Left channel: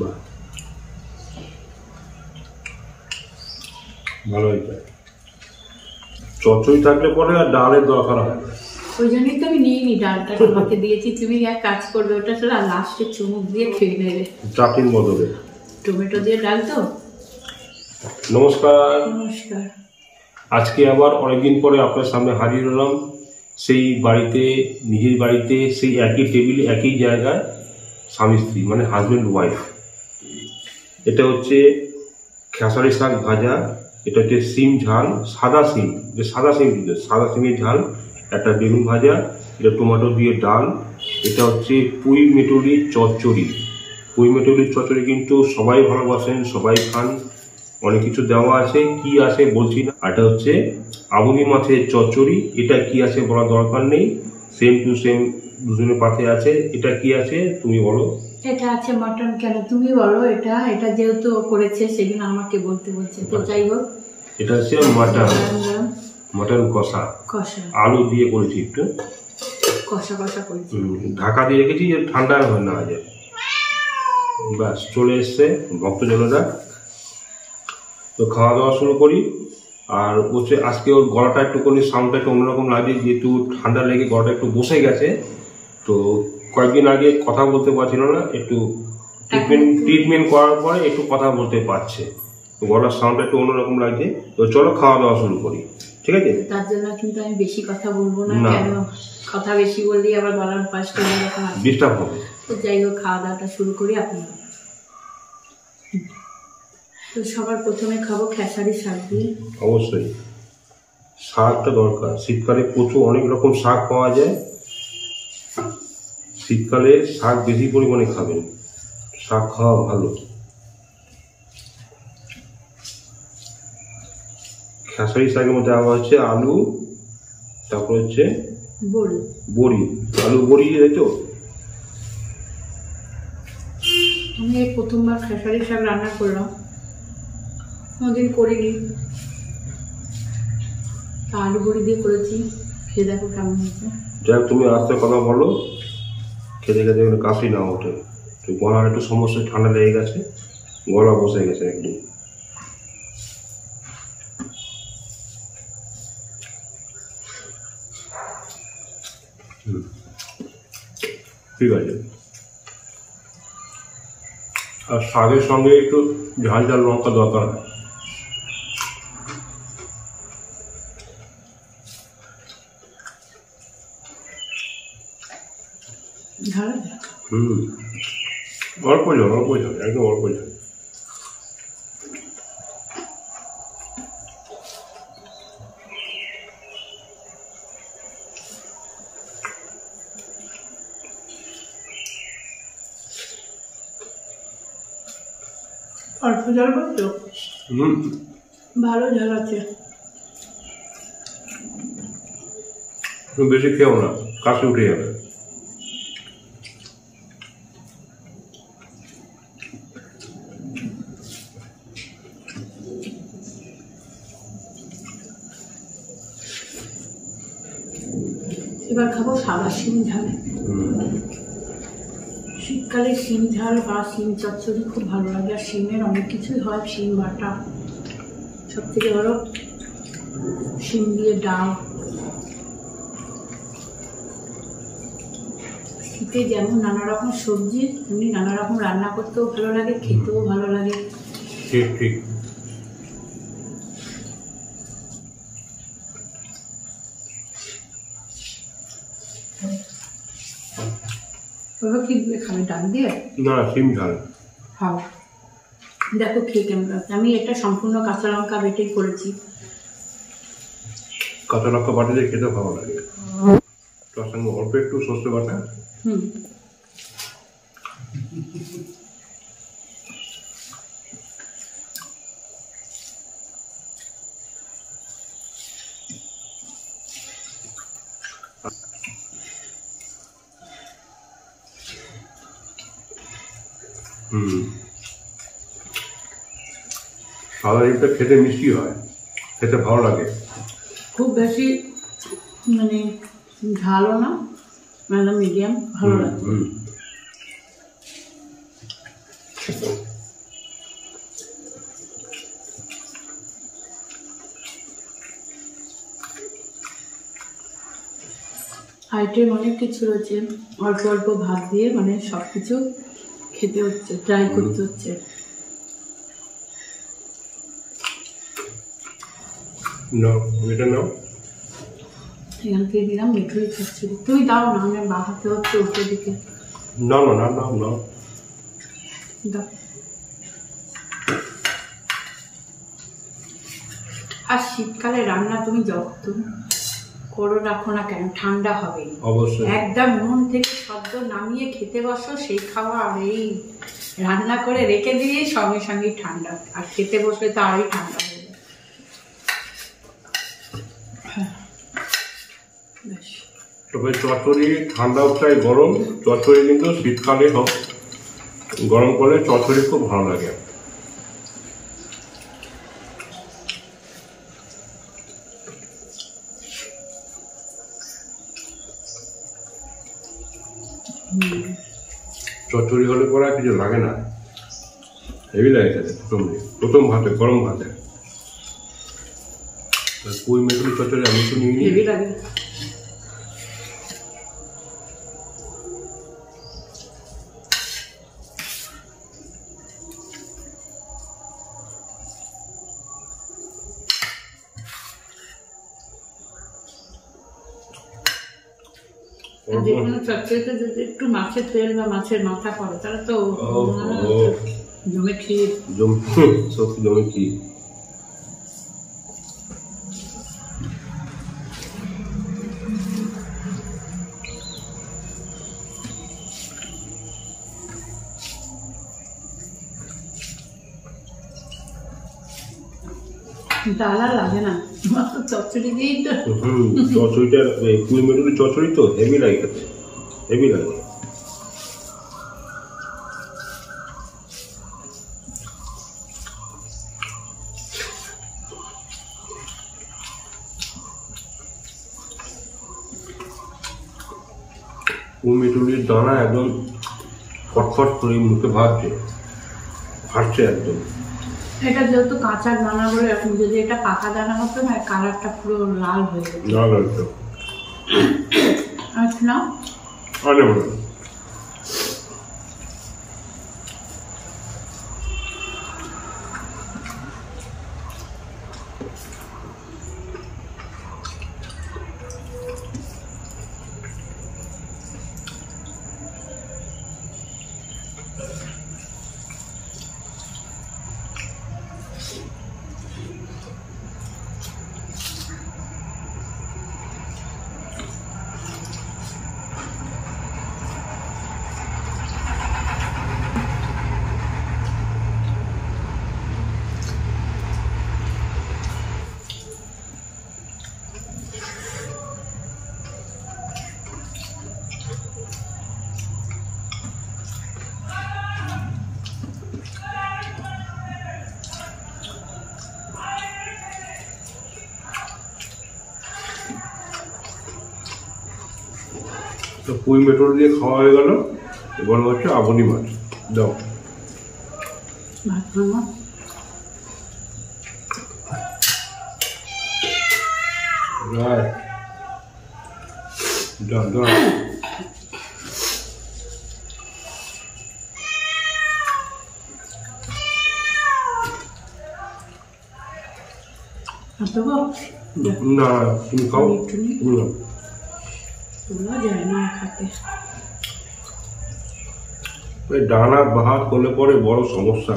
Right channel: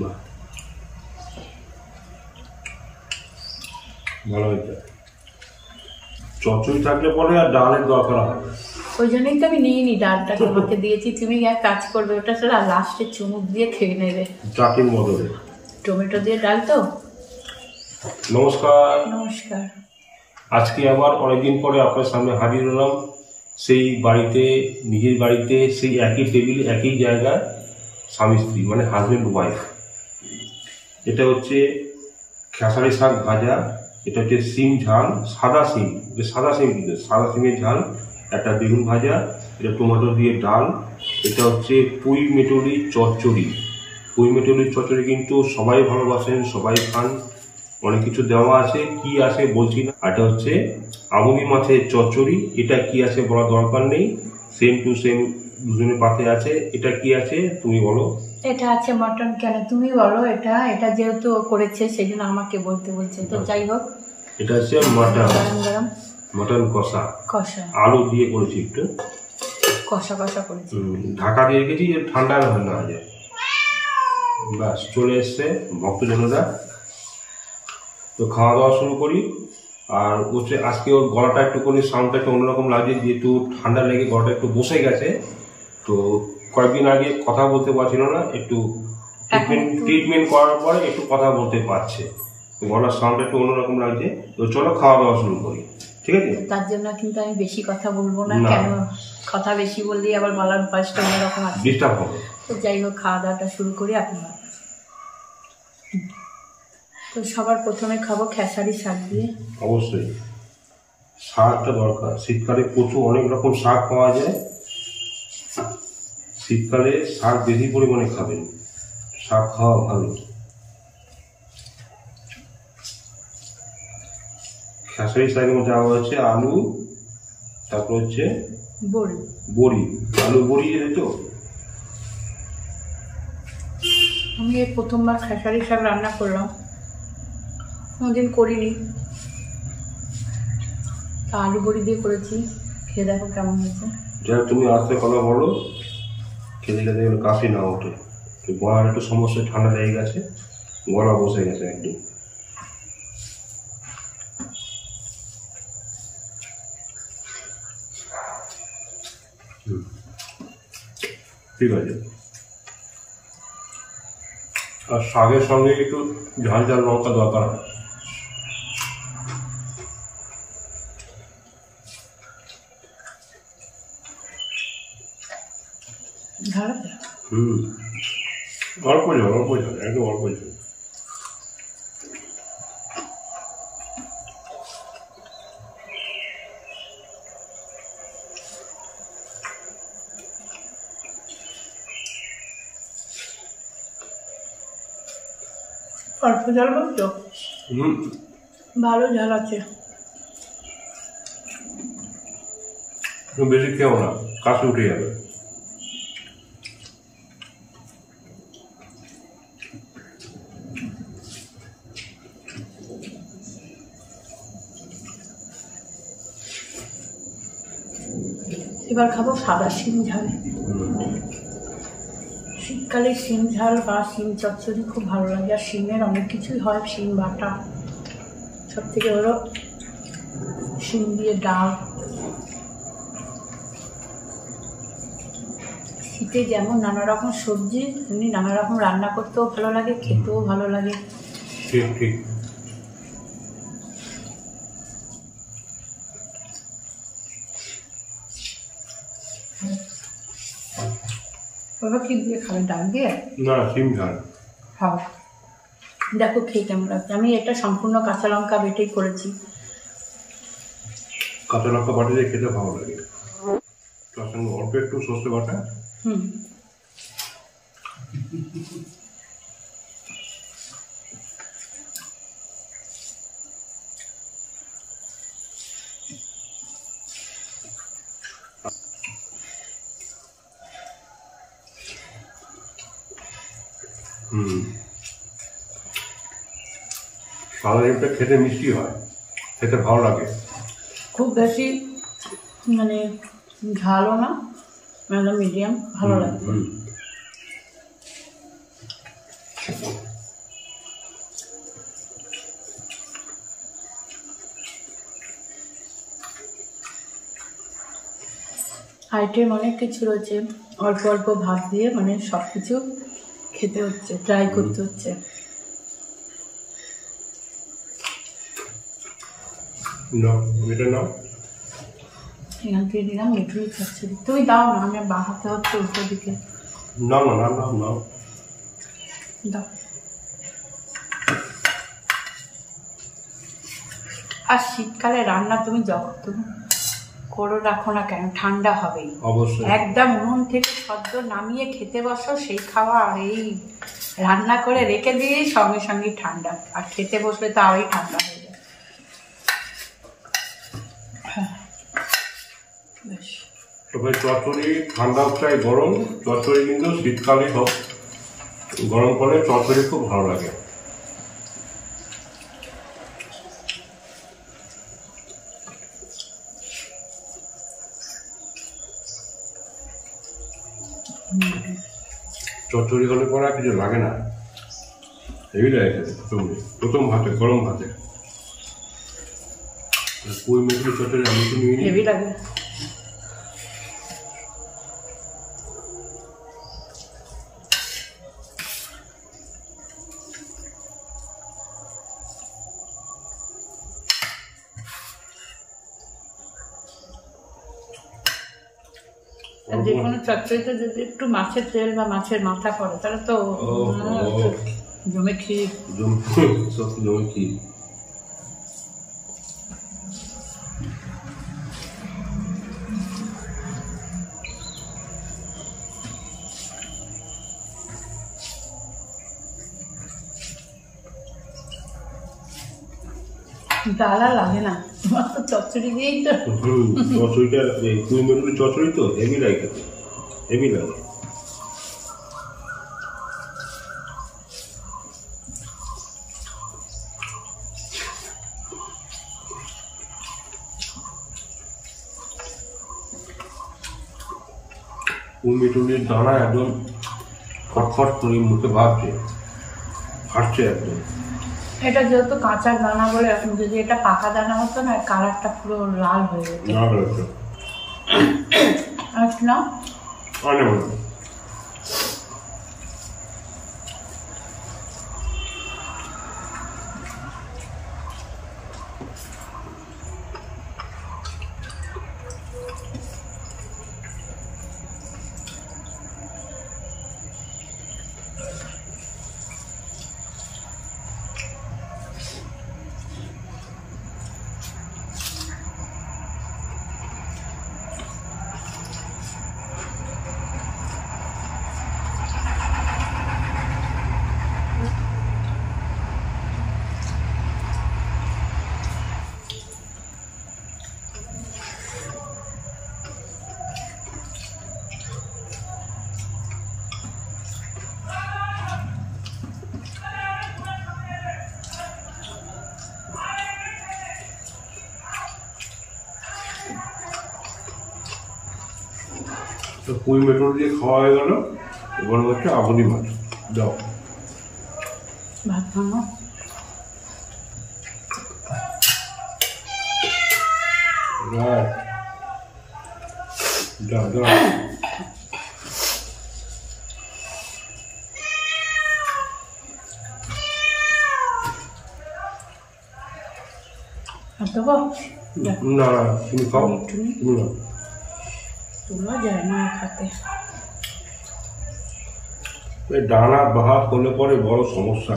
বাহ, ভালো হয়েছে। চচ্চড়ি থাকলে পরে আর ডালের দরকার হয়। ওই জন্যই তো আমি নিইনি, ডালটা তোমাকে দিয়েছি, তুমি এক কাজ করবে ওটা ছাড়া লাস্টে চুমুক দিয়ে খেয়ে নেবে চাটনির বদলে। টমেটো দিয়ে ডাল তো। নমস্কার। নমস্কার। আজকে আবার অনেকদিন পরে আপনার সামনে হাজির হলাম। সেই বাড়িতে, নিজের বাড়িতে, সেই একই টেবিলে, একই জায়গায়, স্বামী স্ত্রী মানে হাজব্যান্ড ওয়াইফ। এটা হচ্ছে খেসারি শাক ভাজা, এটা হচ্ছে সিম ঝাল, সাদা সিম, সাদা সিম কিন্তু সাদা সিমের ঝাল, একটা বেগুন ভাজা, এটা টমেটো দিয়ে ডাল, এটা হচ্ছে পুঁই মেটুলির চচ্চড়ি। পুঁই মেটুলির চচ্চড়ি কিন্তু সবাই ভালোবাসেন, সবাই খান। অনেক কিছু দেওয়া আছে, কি আছে বলছি না। এটা হচ্ছে আমুদি মাছের চচ্চড়ি। এটা কি আছে বলার দরকার নেই, সেম টু সেম দুজনের পাশে আছে। এটা কি আছে তুমি বলো? এটা আছে মটন। কেন তুমি বলো? এটা এটা যেহেতু করেছে সেই জন্য আমাকে বলতে বলছে, তো যাই হোক। এটা হচ্ছে মাটন, গরম গরম মাটন কষা, কষা, আলু দিয়ে করেছি, একটু কষা কষা করেছি। ঢাকা দিয়ে রেখেছি যে ঠান্ডা না যায়। ব্যাস চলে এসছে ভক্তজনরা। তো খাওয়া দাওয়া শুরু করি। আর হচ্ছে আজকে ওর গলাটা একটুখানি সাউন্ডটা একটু অন্যরকম লাগছে, যেহেতু ঠান্ডা লেগে গলাটা একটু বসে গেছে। তো কয়েকদিন আগে কথা বলতে পারছিল না, একটু ট্রিটমেন্ট করার পরে একটু কথা বলতে পারছে। তো গলার সাউন্ডটা একটু অন্যরকম লাগছে। তো চলো খাওয়া দাওয়া শুরু করি, ঠিক আছে? তার জন্য কিন্তু আমি বেশি কথা বলবো না। কেন কথা বেশি বললেই আবার গলার ভয়েসটা অন্যরকম আছে, ডিস্টার্ব হবে। তো যাই হোক খাওয়া দাওয়াটা শুরু করি আপনারা। তো সবার প্রথমে খাবো খেসারি শাক দিয়ে। অবশ্যই শাকটা দরকার। শীতকালে প্রচুর অনেক রকম শাক পাওয়া যায়। শীতকালে শাক বেশি পরিমাণে খাবেন, শাক খাওয়া ভালো। খেসারি শাকের মধ্যে দেওয়া হচ্ছে আলু, তারপর হচ্ছে বড়ি, বড়ি, আলু বড়ি, তাই তো? আমি এই প্রথমবার খেসারি শাক রান্না করলাম, কোনোদিন করিনি। তা আলু বড়ি দিয়ে করেছি, খেয়ে দেখো কেমন হয়েছে। যাই হোক, তুমি আস্তে কথা বলো, খেতে খেতে কাশি না ওঠে। তো গলার একটু সমস্যা, ঠান্ডা লেগে গেছে, গলা বসে গেছে একদম। ঠিক আছে। আর শাকের সঙ্গে একটু ঝাল ঝাল লঙ্কা দরকার। অল্প জল, অল্প জল, একদম অল্প জল। অল্প ঝাল বলছো? ভালো ঝাল আছে। বেশি খেও না, কাশি উঠে যাবে। এবার খাবো সাদা শিম ঝাল। শীতকালে শিম ঝাল বা শিম চচ্চড়ি খুব ভালো লাগে। আর শিমের অনেক কিছুই হয়, শিম বাটা, সব থেকে বড় শিম দিয়ে ডাল। শীতে যেমন নানা রকম সবজি, তেমনি নানা রকম রান্না করতেও ভালো লাগে, খেতেও ভালো লাগে। ঠিক ঠিক। ওরা কি দিয়ে খাবে? ডাল দিয়ে? না, শিম ঝাল। হ্যাঁ, দেখো খেয়ে কেমন লাগছে। আমি এটা সম্পূর্ণ কাঁচা লঙ্কা বেটেই করেছি। কাঁচা লঙ্কা বাটা দিয়ে খেতে ভালো লাগে, তার সঙ্গে অল্প একটু সর্ষে বাটা। সাদা ডিমটা খেতে মিষ্টি হয়, খেতে ভালো লাগে। খুব বেশি মানে ঝালও না, মানে মিডিয়াম, ভালো লাগে। আইটেম অনেক কিছু রয়েছে, অল্প অল্প ভাত দিয়ে মানে সব কিছু খেতে হচ্ছে, ট্রাই করতে হচ্ছে। এটা নাও, এখান থেকে দিলাম মিঠুরি চচ্চড়ি। তুমি দাও না, আমি বাহাতে হচ্ছে উল্টো দিকে। না না না না না, দাও। আর শীতকালে রান্না তুমি যখন করো রাখো না কেন, ঠান্ডা হবেই অবশ্যই। একদম উনুন থেকে সদ্য নামিয়ে খেতে বসো, সেই খাওয়া আর এই রান্না করে রেখে দিয়ে সঙ্গে সঙ্গে ঠান্ডা, আর খেতে বসলে তো আরই ঠান্ডা হয়ে যায়। বেশ, তবে চচ্চড়ি ঠান্ডা চাই গরম, চচ্চড়ি কিন্তু শীতকালে হোক গরম করলে চচ্চড়ি খুব ভালো লাগে। চচ্চড়ি হলে পরে আর কিছু লাগে না, হেভি লাগে খেতে। প্রথম ভাতে, গরম ভাতে পুঁই মেটুলি চচ্চড়ি আমি তো নিয়ে নিই। হেভি লাগে। যে কোনো চচ্চড়িতে যদি একটু মাছের তেল বা মাছের মাথা পড়ে তাহলে তো জমে ক্ষীর। সত্যি জমে ক্ষীর। ডাল আর লাগে না, তোমার তো চচ্চড়ি দিয়েই তো। চচ্চড়িটা পুঁই মেটুলি চচ্চড়ি তো হেভি লাগে খেতে, হেভি লাগে। পুঁই মেটুলির দানা একদম ফটফট করে মুখে ভাবছে, ফাটছে একদম। এটা যেহেতু কাঁচা দানা বলে, যদি এটা পাকা দানা হতো না কালারটা পুরো লাল হয়ে যেত। আচ্ছা না তো পুঁই মেটুলি দিয়ে খাওয়া হয়ে গেল, এবার হচ্ছে আবনি মাছ। দাও ভাত ভাঙো। দাও দাও। দেবো না না, তুমি খাও, তুমি নাও। তোলা যায় না খাতে, ডানা ভাত করলে পরে বড় সমস্যা।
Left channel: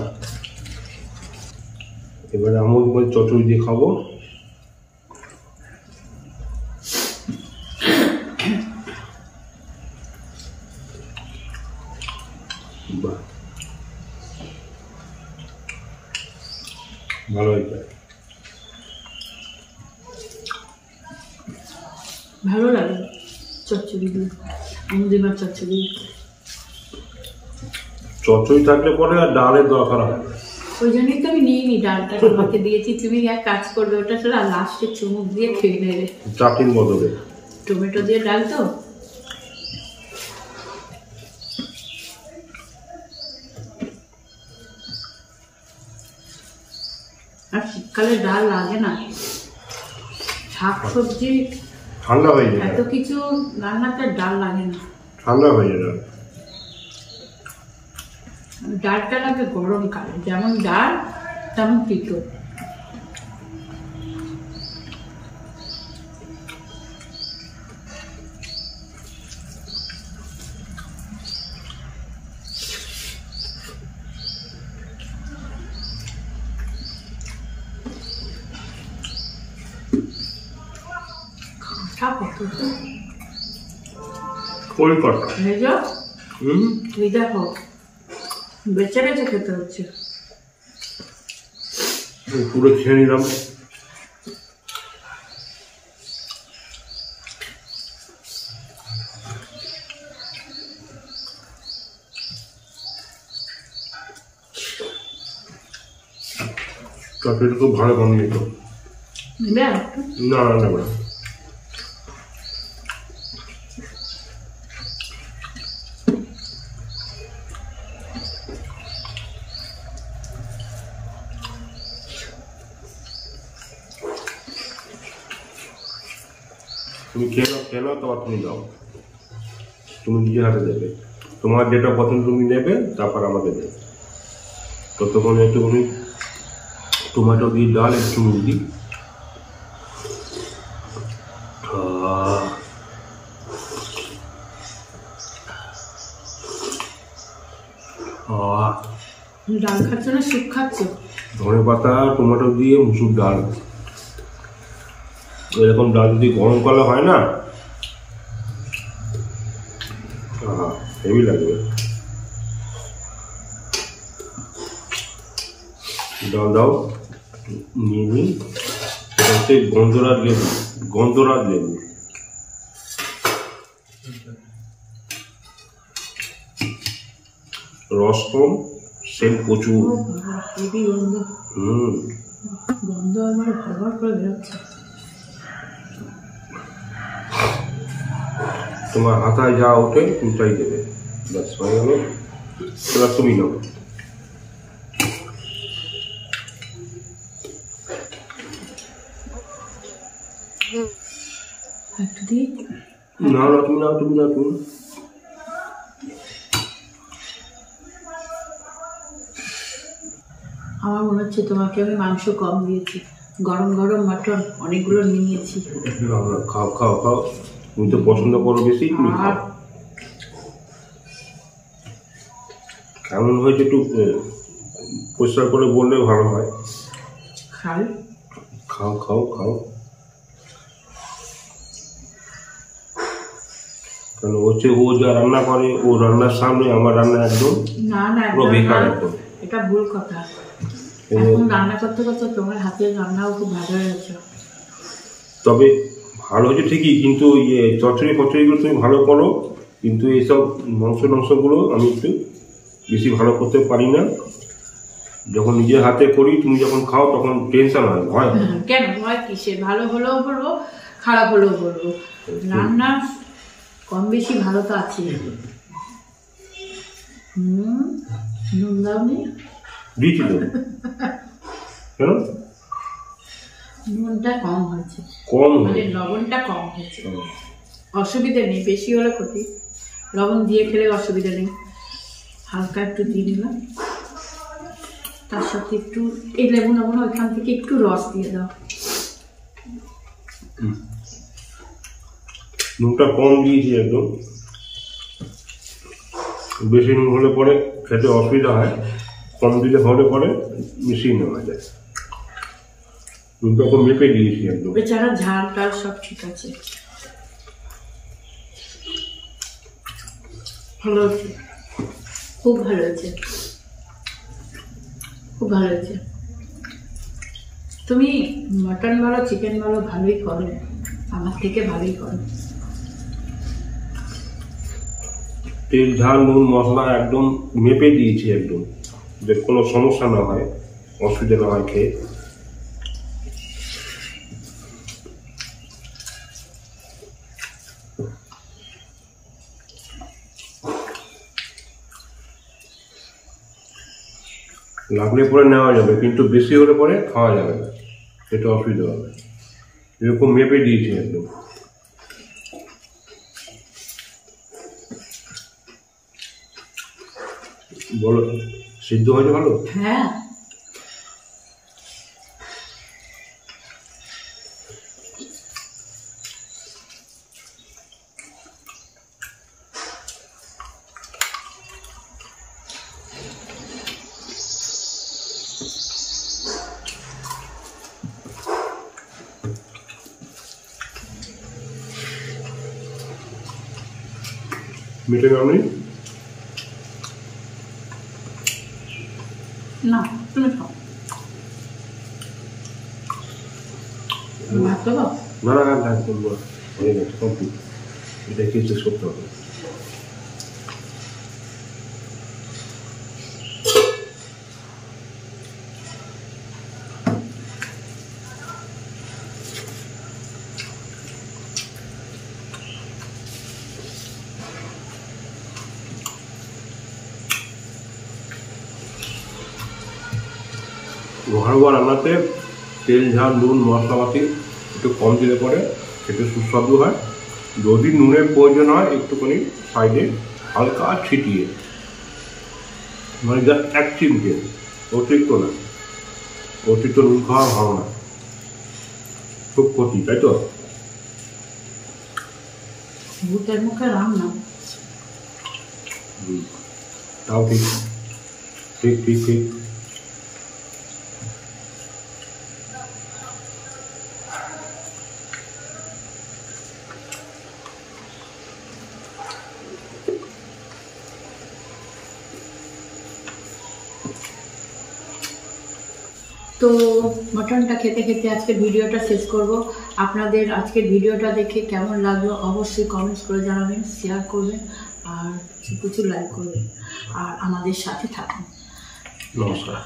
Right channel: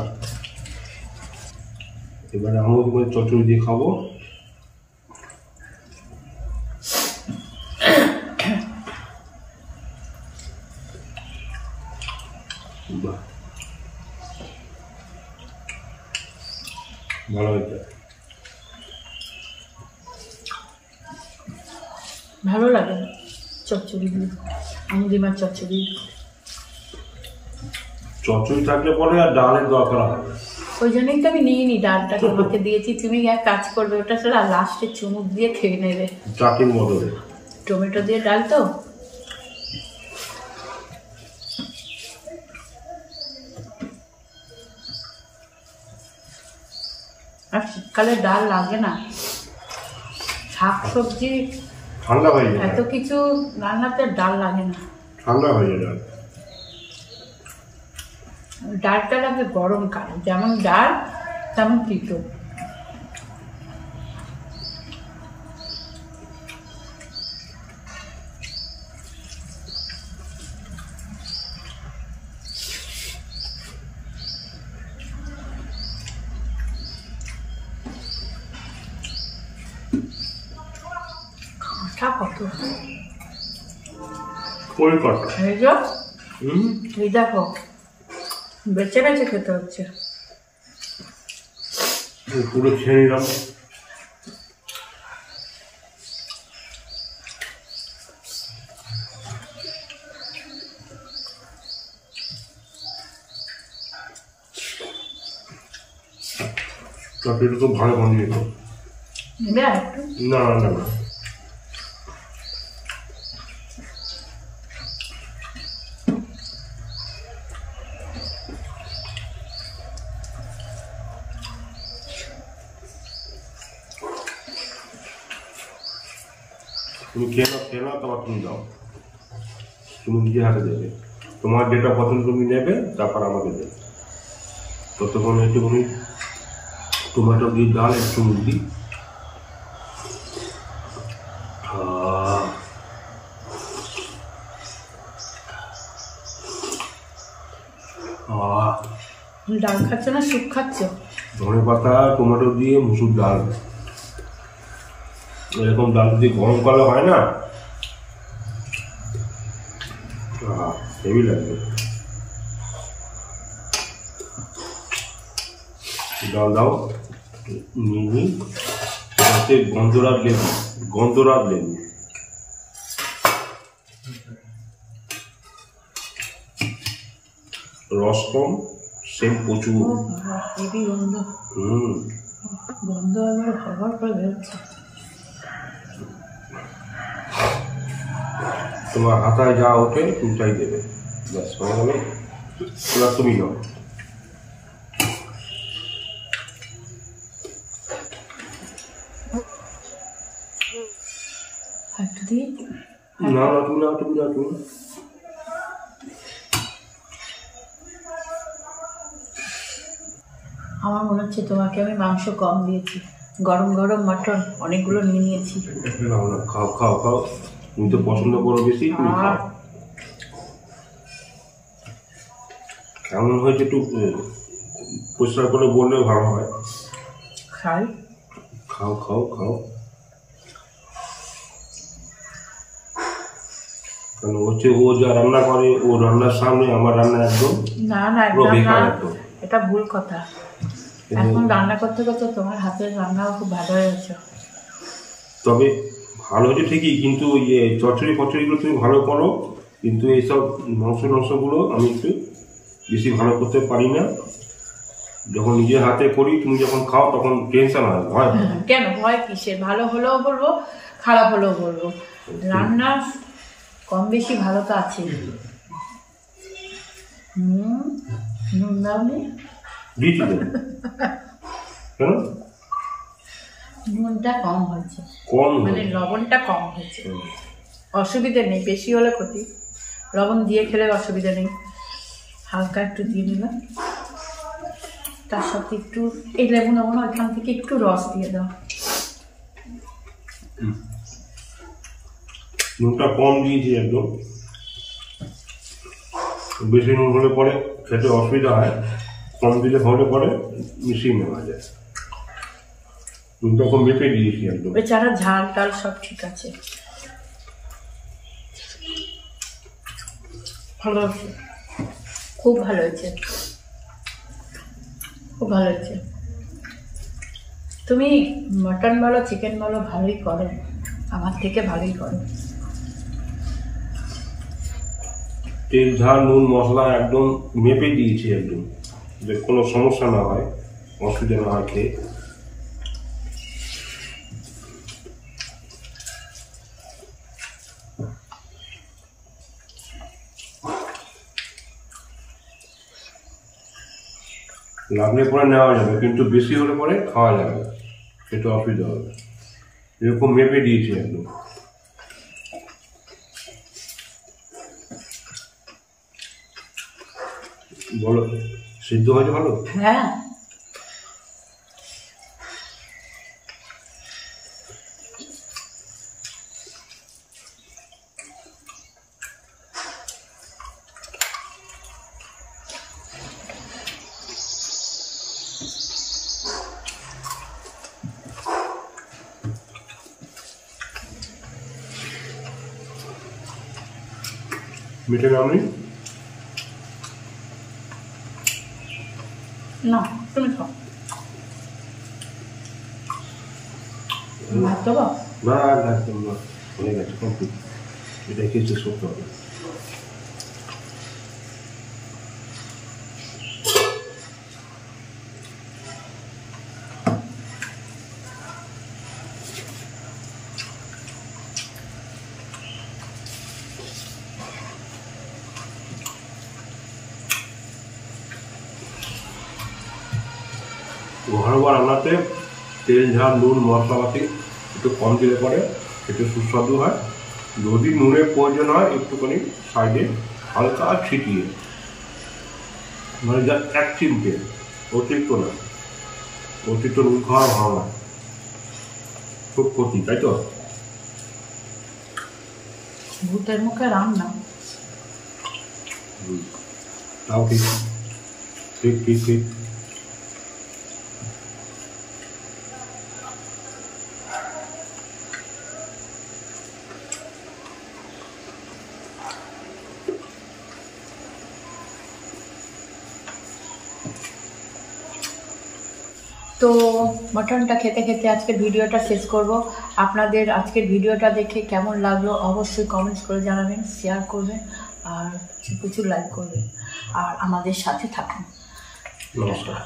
এবারে আমি চচ্চড়ি দিয়ে খাবো। বাহ, ভালো হয়েছে। ভালো লাগে চচ্চড়ি দিয়ে, আমুদি মাছ চচ্চড়ি। চচ্চড়ি থাকলে পরে আর ডালের দরকার হয়। ওই জন্যই তো আমি নিয়ে নি, ডালটা তোমাকে দিয়েছি, তুমি এক কাজ করবে ওটা চলো, আর লাস্টে চুমুক দিয়ে খেয়ে নেবে চাটনির বদলে। টমেটো দিয়ে ডাল তো। আর শীতকালে ডাল লাগে না, শাক সবজি ঠান্ডা হয়ে যায়, এত কিছু রান্নাতে ডাল লাগে না, ঠান্ডা হয়ে যায়। ডালটা লাগে গরমকালে, যেমন ডাল তেমন তিতো। কাঁটা কত, ওই কটা এই দেখো বেছে বেছে খেতে হচ্ছে। পুরো খেয়ে নিলাম। তরকারিটা খুব ভালো বানিয়ে তো। নেবে আর একটু? না না নেব না। তুমি খেয়ে নাও তারপর তুমি দাও, তুমি নিজে হাতে দেবে, তোমার যেটা পছন্দ তুমি নেবে, তারপর আমাকে দেবে। ততক্ষণে একটুখানি টমেটো দিয়ে ডাল একটু নুন দিই। ডাল খাচ্ছ না স্যুপ খাচ্ছ? ধনে পাতা টমেটো দিয়ে মুসুর ডাল, এরকম ডাল যদি গরমকালে হয় না, হেভি লাগবে। ডাল দাও, নিয়ে নিই। এটা হচ্ছে গন্ধরাজ লেবু, গন্ধরাজ লেবু। রস কম, সেন্ট প্রচুর। হেভি গন্ধ। গন্ধ এবার ভরভর করে বেরোচ্ছে। তোমার হাতায় যা ওঠে তুমি তাই দেবে, ব্যাস হয়ে গেল। এবার তুমি নাও। একটু দিই। না না তুমি নাও, তুমি নাও, তুমি। আমার মনে হচ্ছে তোমাকে আমি মাংস কম দিয়েছি, গরম গরম মাটন অনেকগুলো নিয়ে নিয়েছি। খাও খাও খাও, তুমি তো পছন্দ করো বেশি, তুমি খাও। কেমন হয়েছে একটু পরিষ্কার করে বললে ভালো হয়। খাই। খাও খাও খাও। কেন হচ্ছে ও যা রান্না করে, ও রান্নার সামনে আমার রান্না একদম না না পুরো বেকার একদম। এটা ভুল কথা। এখন রান্না করতে করতে তোমার হাতের রান্নাও খুব ভালো হয়েছে। তবে ভালো হয়েছে ঠিকই, কিন্তু ইয়ে চচ্চড়ি ফচড়িগুলো তুমি ভালো করো, কিন্তু এইসব মাংসগুলো আমি একটু বেশি ভালো করতে পারি না। যখন নিজের হাতে করি, তুমি যখন খাও তখন টেনশন হয়, ভয় হয়। কেন ভয় কিসে? ভালো হলেও বলবো, খারাপ হলেও বলবো। রান্না কম বেশি ভালো তো আছে। নুন দাওনি? দিয়েছি তো। কেন? নুনটা কম হয়েছে, কম মানে লবণটা কম হয়েছে। অসুবিধে নেই, বেশি হলে ক্ষতি। লবণ দিয়ে খেলে অসুবিধা নেই, হালকা একটু দিয়ে দিলাম। তার সাথে একটু এই লেবু নেবো না, ওইখান থেকে একটু রস দিয়ে দাও। নুনটা কম দিয়েছি একদম। বেশি নুন হলে পরে খেতে অসুবিধা হয়, কম দিলে হলে পরে মিশিয়ে নেওয়া যায়। নুনটা কম মেপে দিয়েছি একদম। এছাড়া ঝাল টাল সব ঠিক আছে, ভালো হয়েছে, খুব ভালো হয়েছে, খুব ভালো হয়েছে। তুমি মটন বলো চিকেন বলো ভালোই করো, আমার থেকে ভালোই করো। তেল ঝাল নুন মশলা একদম মেপে দিয়েছি একদম, যে কোনো সমস্যা না হয়, অসুবিধা না হয় খেয়ে। লাগলে পরে নেওয়া যাবে, কিন্তু বেশি হলে পরে খাওয়া যাবে না, সেটা অসুবিধা হবে। এরকম মেপে দিয়েছি একদম। বলো, সিদ্ধ হয়েছে ভালো? হ্যাঁ, মিঠে নাও নেই? না তুমি খাও। ভাত দেবো? না একদম হয়ে গেছে, কমপ্লিট। এটা কি শেষ করতে হবে। ঘরোয়া রান্নাতে তেল ঝাল নুন মশলাপাতি একটু কম দিলে পরে একটু সুস্বাদু হয়। যদি নুনের প্রয়োজন হয় একটুখানি সাইডে হালকা ছিটিয়ে, মানে জাস্ট এক চিমটে, অতিরিক্ত না। অতিরিক্ত নুন খাওয়া ভালো না, খুব ক্ষতি, তাই তো? ভূতের মুখে রাম না। তাও ঠিক, ঠিক ঠিক ঠিক। তো মটনটা খেতে খেতে আজকের ভিডিওটা শেষ করব। আপনাদের আজকের ভিডিওটা দেখে কেমন লাগলো অবশ্যই কমেন্টস করে জানাবেন, শেয়ার করবেন আর প্রচুর লাইক করবেন আর আমাদের সাথে থাকুন। নমস্কার।